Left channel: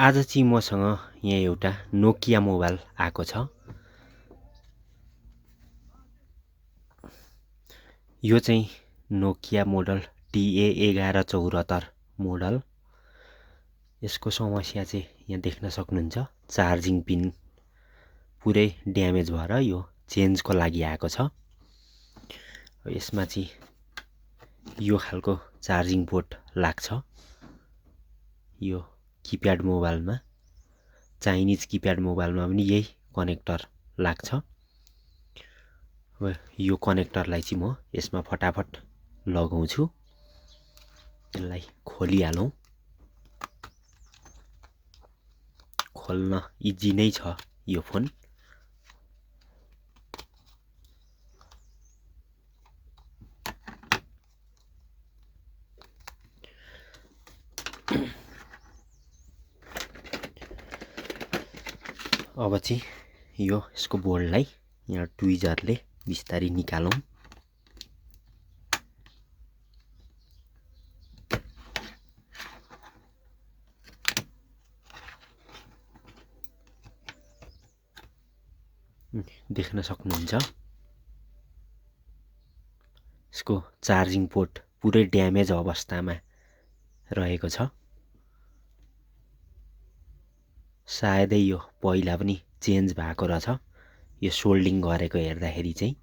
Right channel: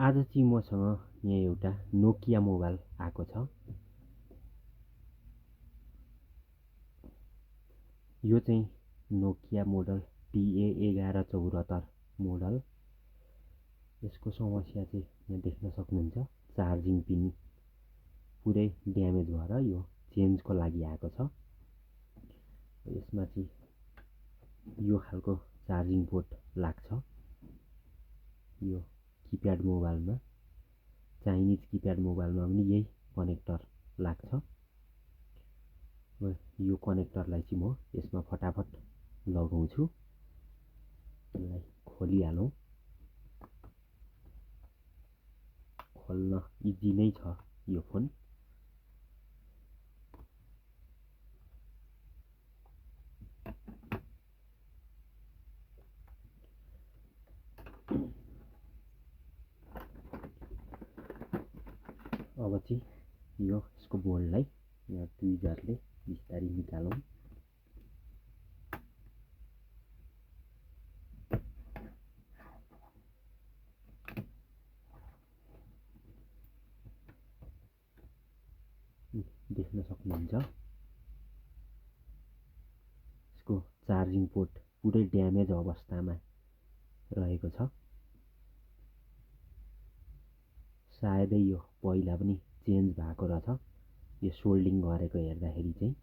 आज चाहिँ मसँग यहाँ एउटा नोकिया मोबाइल आएको छ। यो चाहिँ नोकिया मोडल TA1174 मोडल। यसको समस्या चाहिँ यहाँ देख्न सक्नुहुन्छ, चार्जिङ पिन पुरै ड्यामेज भएर यो चेन्जको लागि आएको छ। यसमा चाहिँ यो खालको चार्जिङ पोर्ट लाग्छ। यो किप्याड मोबाइलमा, चाइनिज किप्याड मोबाइलमा पनि यही कनेक्टर लाग्छ। अब यो कनेक्टरलाई चाहिँ म यसमा फटाफट लगाउँछु। यसलाई खोलिहालौँ। खोल्न इजी नै छ यो फोन। अब चाहिँ यसको बोर्डलाई यहाँ ट्विजरले बिस्तारै निकालौँ। देख्न सक्नुहुन्छ, यसको चार्जिङ पोर्ट पुरै ड्यामेज अवस्थामा रहेको छ। सायदै यो पहिला पनि चेन्ज भएको रहेछ, यो सोल्डिङ गरेको हेर्दाखेरि चाहिँ।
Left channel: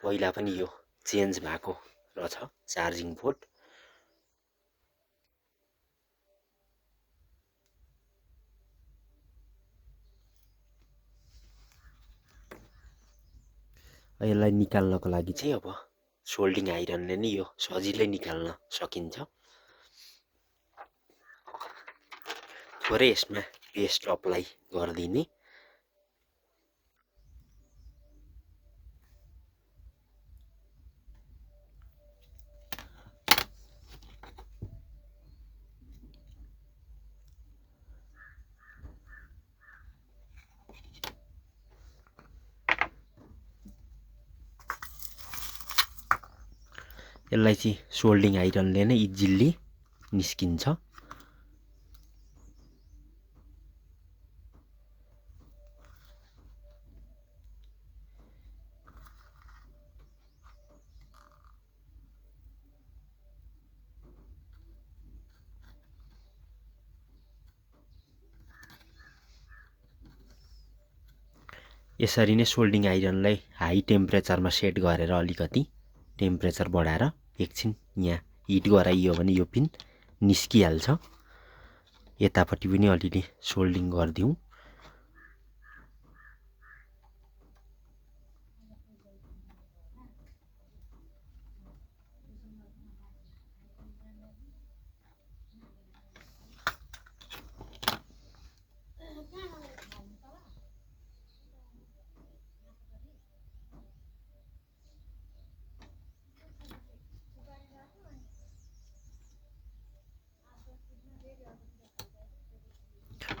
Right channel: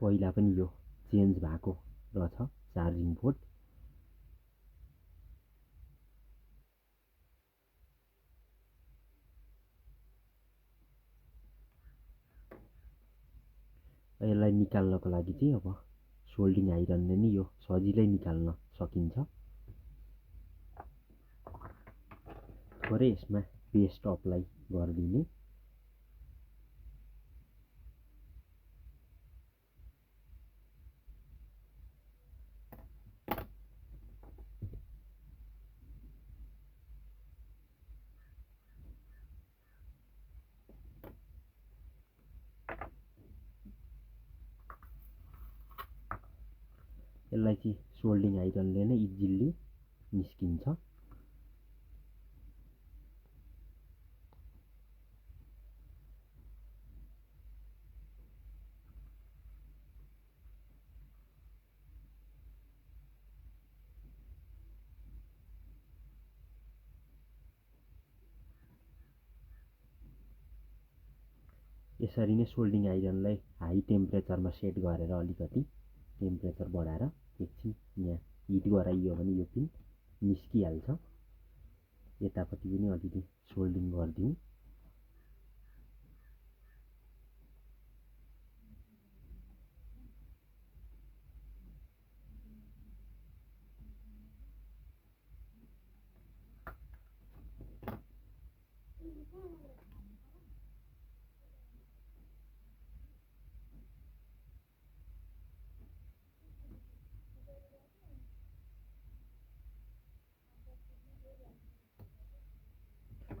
पहिला पनि यो चेन्ज भएको रहेछ चार्जिङ पोर्ट। यसलाई निकाल्नको लागि चाहिँ अब सोल्डिङ आइरनले नै यो सजिलै निकाल्न सकिन्छ। थोरै यसमा पेस्ट अप्लाई गरिदिने। यसलाई चाहिँ सोल्डिङ आइरनले नै इजिली निस्किन्छ। यसरी नै सोल्डिङ आइरनलाई हाई टेम्परेचरमा सेट गरेर अलिकति टेम्परेचर बढाएर एकछिन यहाँ हिट गराइयो भने यो पिन निस्किहाल्छ। यतापट्टि पनि अलिअलि सोल्डिङ गरिदिउँ।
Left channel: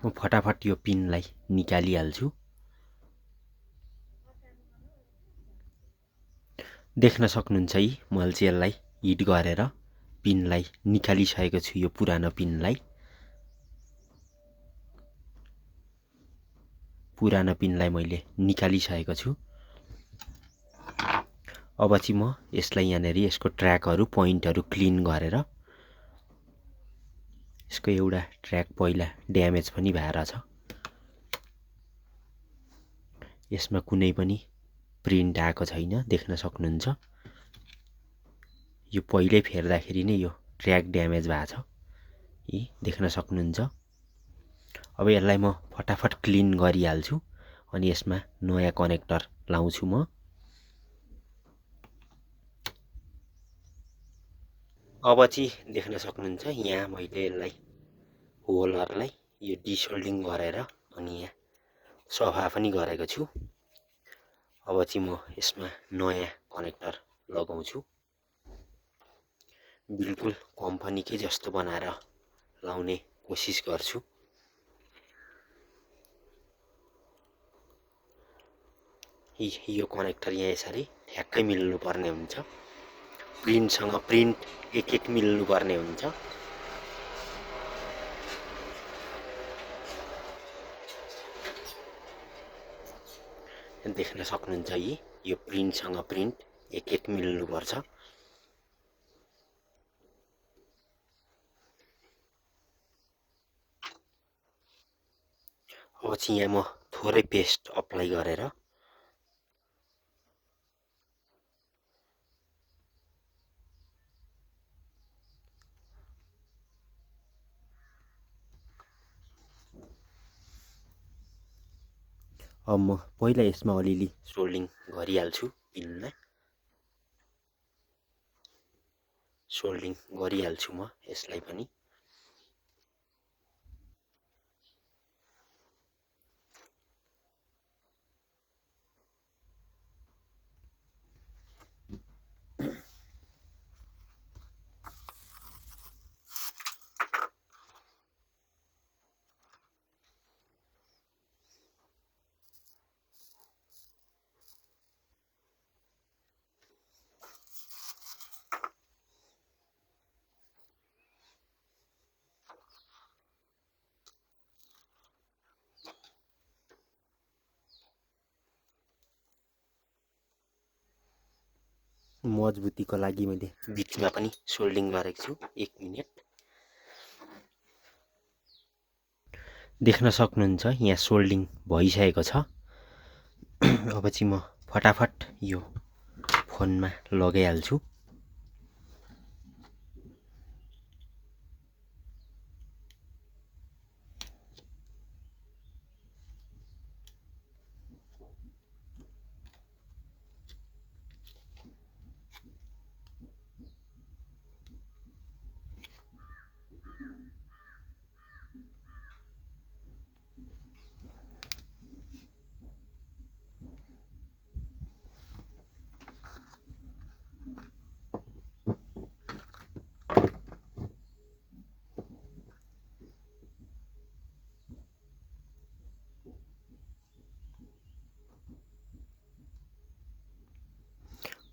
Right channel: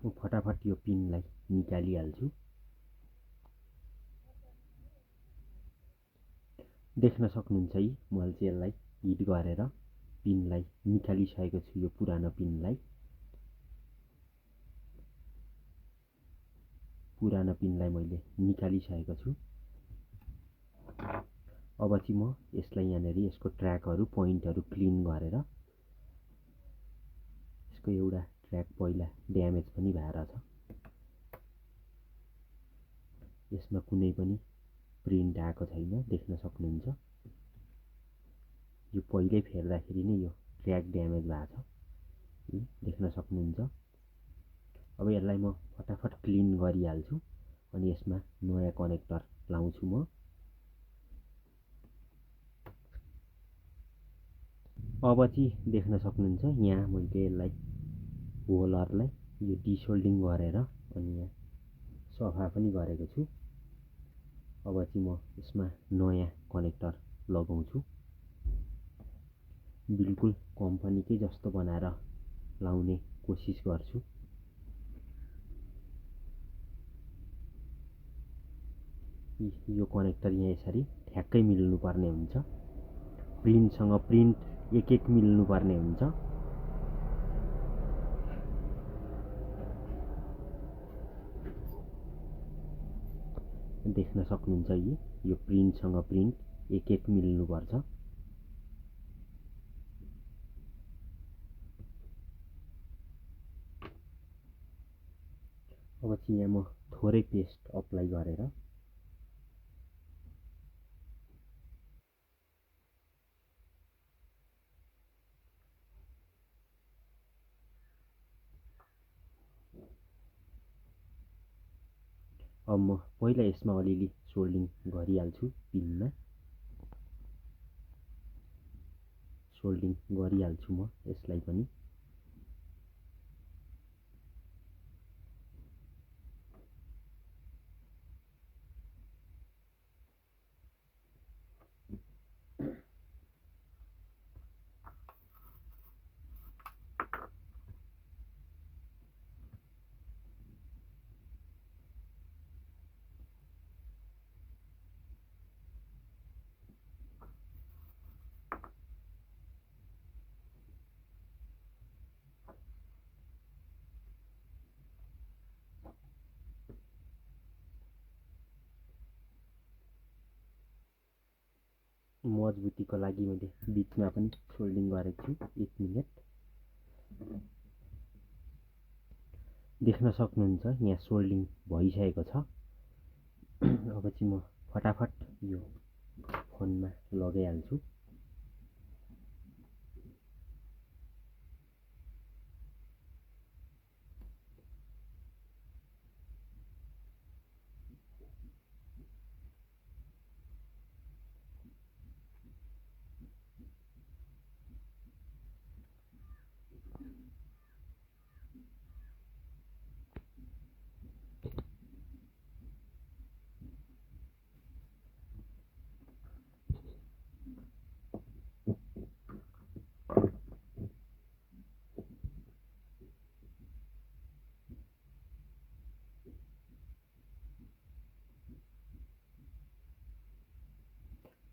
म फटाफट यो पिनलाई निकालिहाल्छु। देख्न सक्नुहुन्छ है, मैले चाहिँ यसलाई हिट गरेर पिनलाई निकालिसकेको छु। यो पुरानो पिनलाई मैले निकालिसकेको छु। अब चाहिँ म यसलाई यहाँनिर यसको ट्र्याकहरू पोइन्टहरू क्लिन गरेर, यसको एउटा ट्र्याक पहिला ड्यामेज पनि भएर छ, यसमा कुनै पनि प्रिन्ट आएको छैन, देख्न सक्नुहुन्छ। यो पहिल्यै फेर्दाखेरि नै यो ट्र्याक ड्यामेज भएको छ, देख्न सक्नुहुन्छ। अब यसलाई म फटाफट क्लिन गरिहाल्छु अनि यसमा नयाँ कनेक्टर लाउँछु म। अब चाहिँ देख्न सक्नुहुन्छ, यहाँ मैले यसलाई होलहरूलाई यो डिसोल्डिङ गरेर अनि यहाँ सफा पनि गरेको छु। अब चाहिँ म यसमा नयाँ कनेक्टर लगाउँछु। बिल्कुल कम्पनीकै जस्तो बनाएर लाउने कोसिस गर्छु। यो कनेक्टर यहाँ यसरी ठ्याक्कै मिल्नुपर्ने हुन्छ। प्रिन्टसँग प्रिन्ट एक एक मिल्नुपर्ने हुन्छ। देख्न सक्नुहुन्छ यो प्रिन्टसँग प्रिन्ट एक एक मिल्नुपर्छ। अब चाहिँ यहाँ म थोरै पेस्ट अप्लाई गरेर अब म पहिला यसमा अलिअलि सोल्डिङ गरिहाल्छु। पिनलाई सोल्डिङ गरिहाल्छु म यसलाई पनि। मजबुतीको लागि मैले बिचमा पनि सोल्डिङ गरेको छु 1 मिनेट। देख्न सक्नुहुन्छ यहाँ सोल्डिङ भइसकेको छ। अब चाहिँ म फटाफट यो फोनमा लगाइहाल्छु।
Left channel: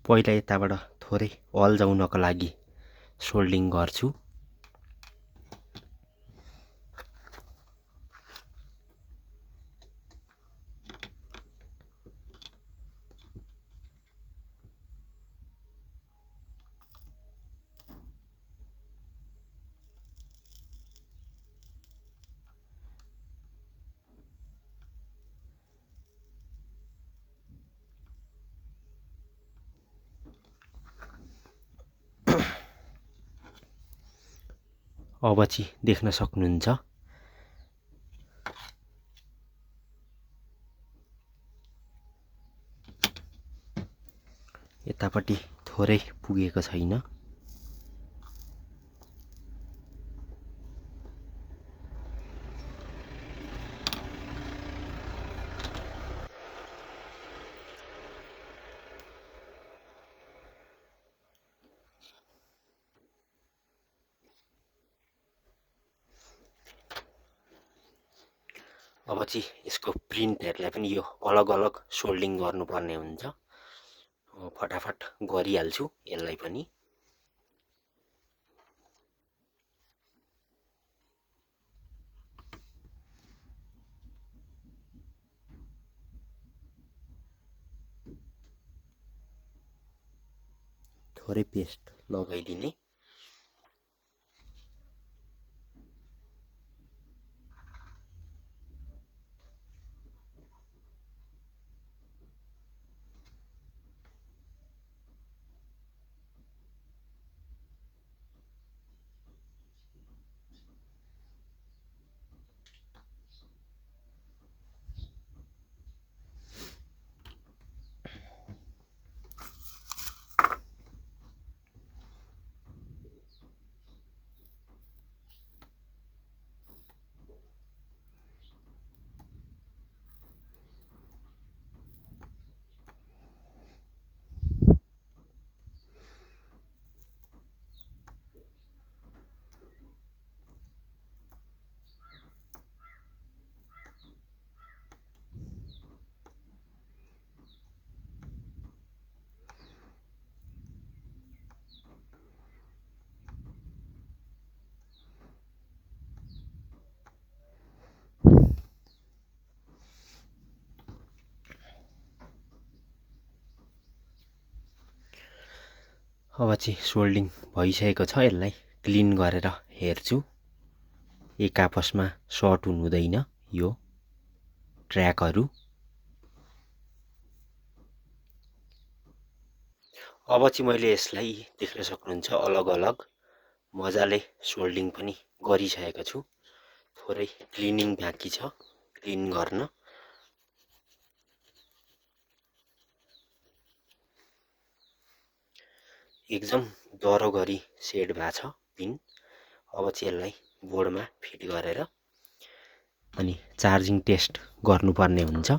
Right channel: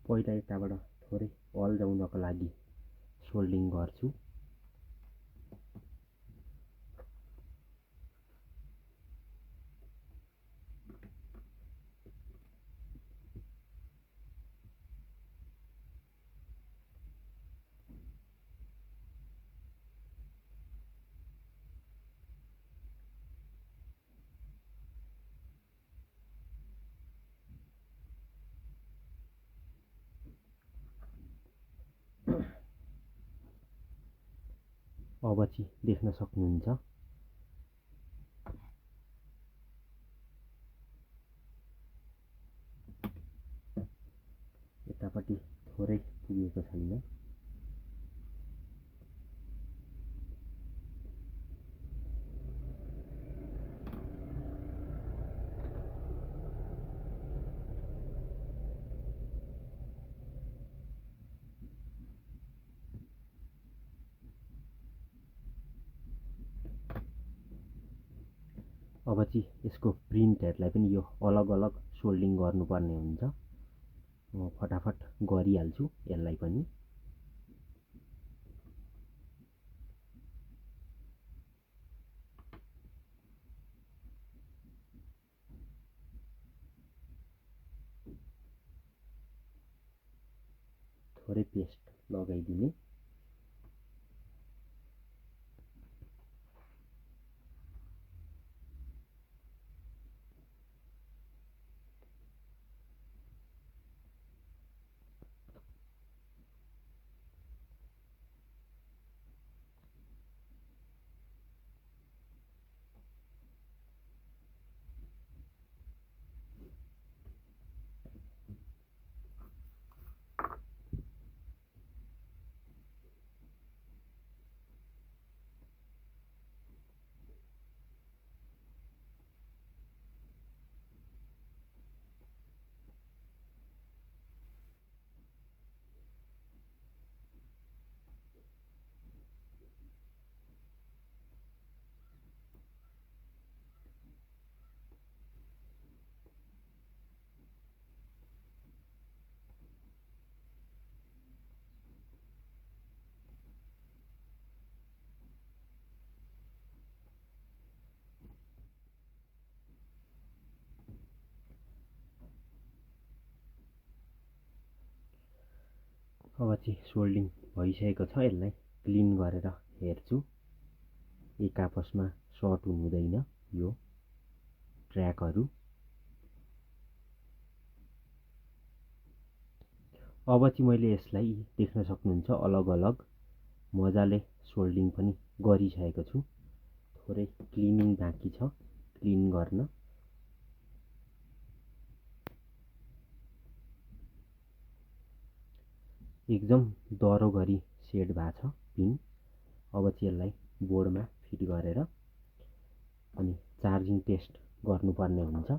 पहिला यताबाट थोरै अल्झाउनको लागि सोल्डिङ गर्छु। अब चाहिँ देख्न सक्नुहुन्छ यतापट्टि थोरै पुगेको छैन। अब चाहिँ यसको प्रिन्टहरूलाई पनि यो अलग अलग सोल्डिङ गर्नुपर्ने हुन्छ। फटाफट गरिहाल्छु यसलाई पनि। थोरै पेस्ट लगाइदिने। अब चाहिँ सोल्डिङ भइसकेको छ। यसलाई क्लिन गरेर हेर्छु। एक आपसमा सर्ट हुनु हुँदैन यो ट्र्याकहरू। अब चाहिँ मैले यसलाई देख्न सक्नुहुन्छ अलग अलग मजाले सोल्डिङ पनि गरिसकेको छु। थोरै क्लिनिङ बाँकी छ क्लिन गर्न। एकदम डह्रो गरी सेड भएको छ पिन। अब चाहिँ यसलाई बोर्डमा फिट गरेर अनि चार्जिङ टेस्ट गर्नुपर्ने हुन्छ।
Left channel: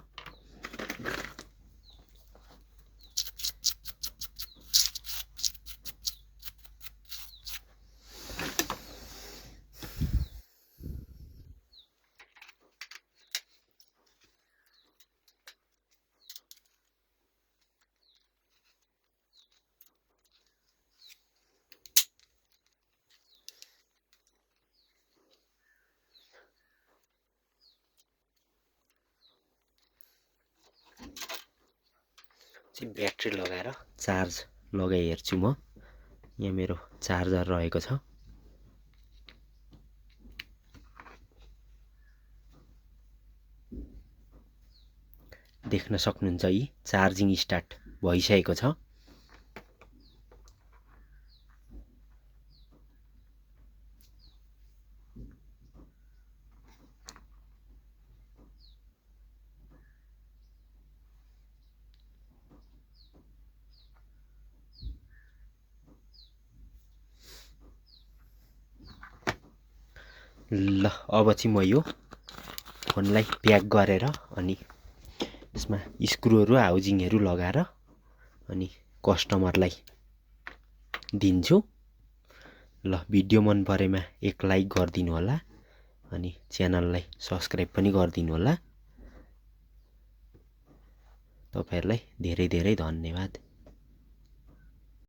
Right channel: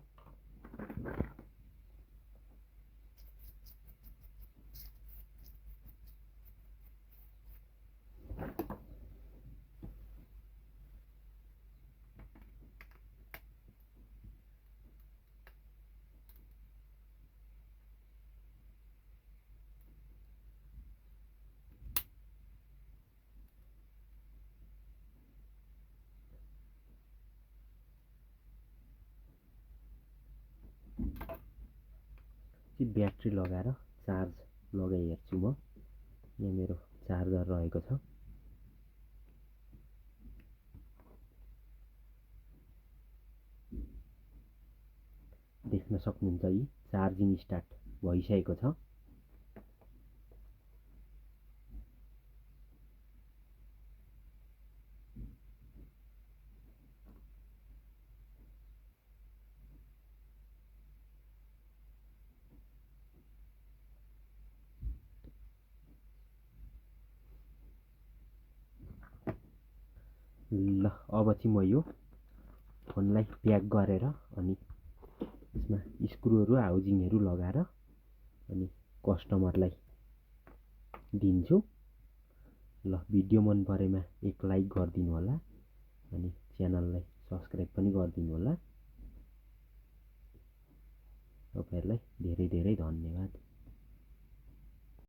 चाहिँ ब्याट्री लगाएर चार्ज लगाइ हेर्छु म। यहाँ मेरो चार्जर रहेको छ। देख्न सक्नुहुन्छ यी चार्जिङ स्टार्ट भइसकेको छ। ल अब चाहिँ म यो फोनलाई प्याक गरेर अनि यसमा स्क्रुहरू हाउजिङहरू लगाएर अनि कस्टमरलाई दिन्छु। ल भिडियो मन परेमा एक लाइक गरिदिनु होला अनि च्यानललाई सब्स्क्राइब पनि गरिदिनु होला। तपाईहरुलाई धेरै धेरै धन्यवाद।